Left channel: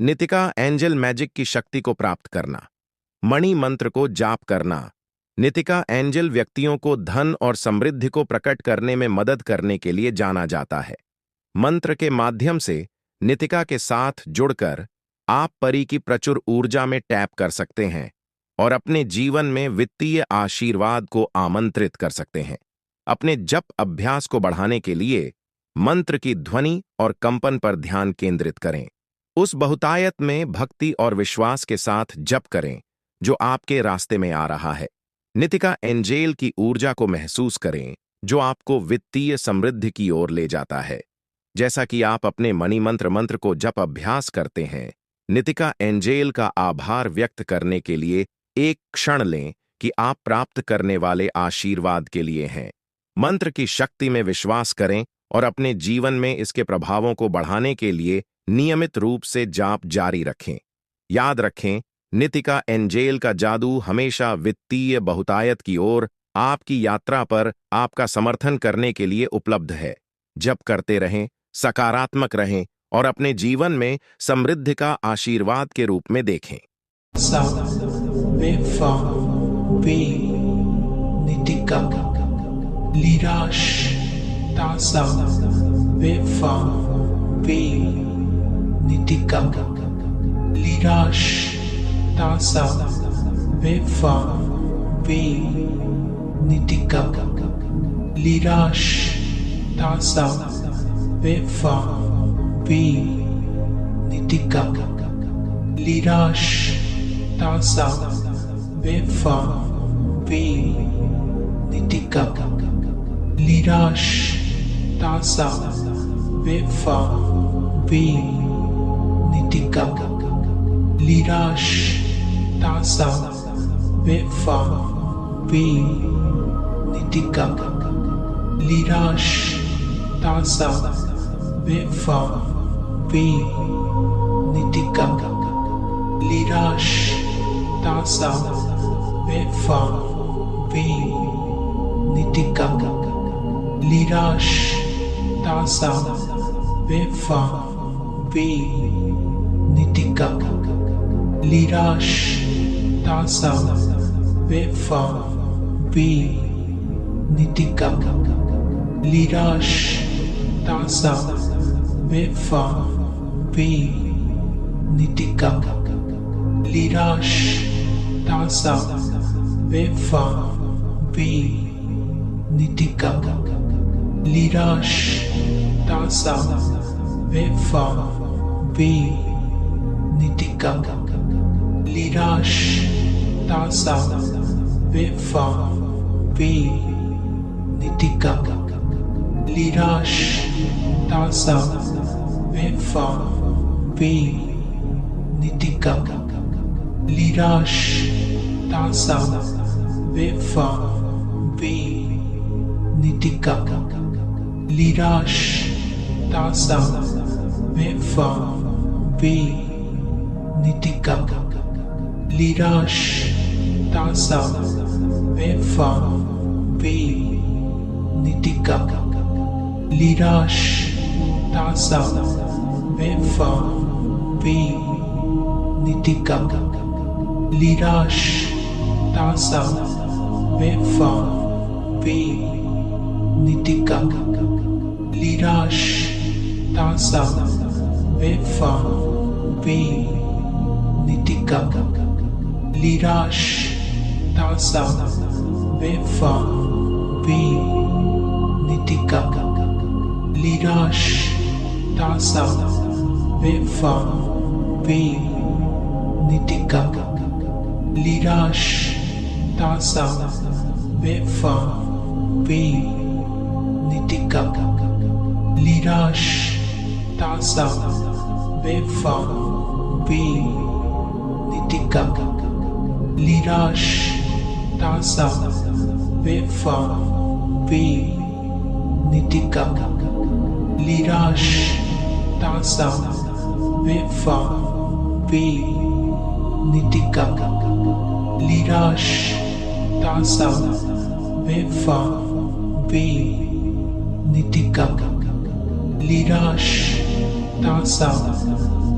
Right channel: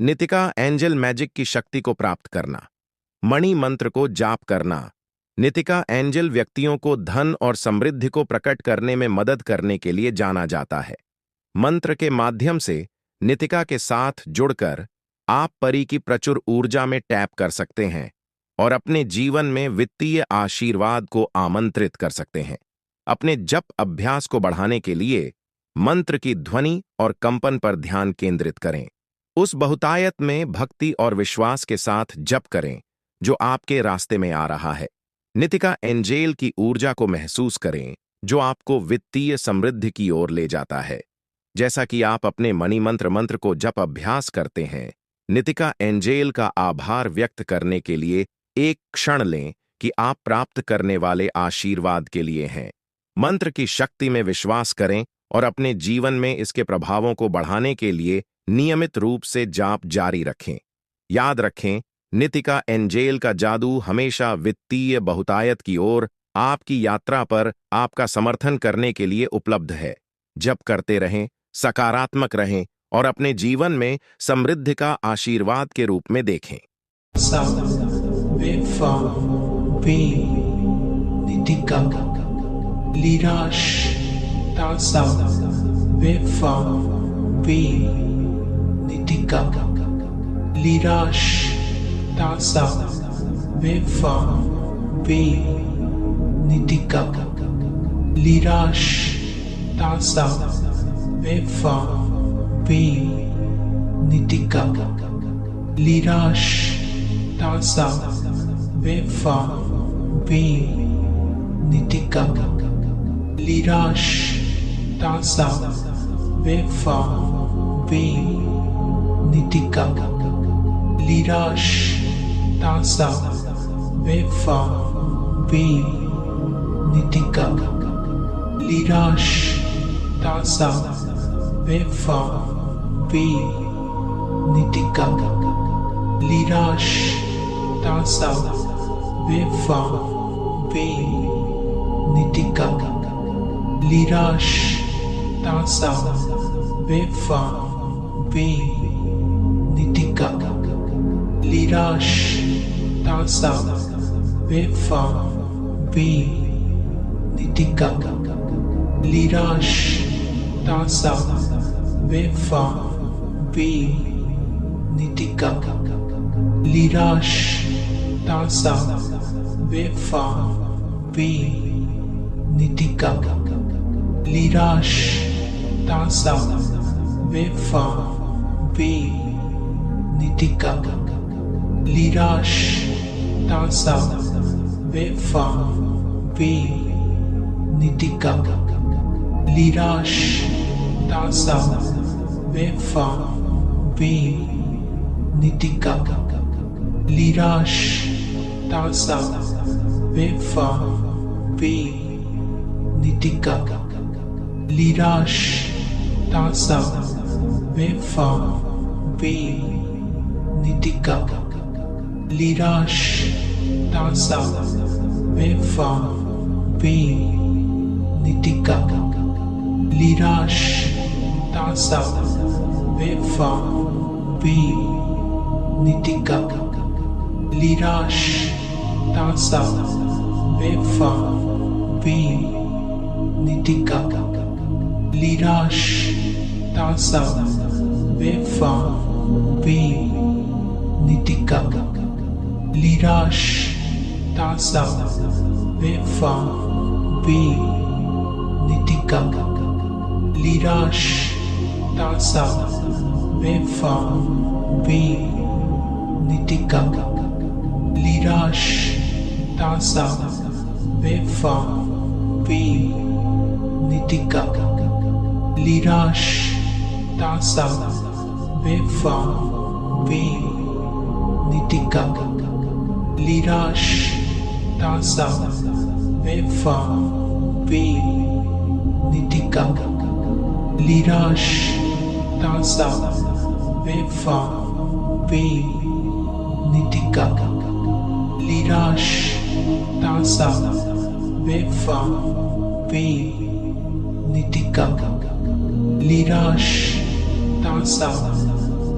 Nitika angel magic की शक्ति को प्राप्त करना। मणि मंत्र को जाप करना। नितिका एंजल व्यक्तियों को धन और समृद्धि को प्रकट करने में मदद करने के लिए जाना जाता है। मंत्र के माध्यम से नितिका के साथ जुड़कर आप परी की प्रचुर ऊर्जा में टैप कर सकते हैं और अपने जीवन में वित्तीय आशीर्वाद को आमंत्रित कर सकते हैं। अपने जप अभ्यास को बढ़ाने के लिए मंत्र की ध्वनि और कंपन पर ध्यान केंद्रित करें। उस बहुतायत में भक्ति और विश्वास के साथ जप करें जो आपके रास्ते में आ रहा है। नितिका एंजेल की ऊर्जा को महसूस करें जो आपको वित्तीय समृद्धि की ओर ले जाता है। जैसा कि आप अपने मणि मंत्र को जप अभ्यास करते हैं, नितिका एंजेल का आभार व्यक्त करने के लिए एक क्षण लें कि आप प्राप्त करने वाले आशीर्वाद के लिए हैं। मंत्र की शक्ति में विश्वास करें और अपने जीवन में इसके प्रभावों को बढ़ाने के लिए नियमित रूप से जाप जारी रखें। याद रखें, नितिका एंजेल का जादू हमेशा वित्तीय बहुतायत की ओर आपकी यात्रा पर आपका समर्थन करने के लिए उपलब्ध है। जप करते रहें, सकारात्मक रहें और अपने जीवन में समृद्धि का आशीर्वाद के रूप में देखें।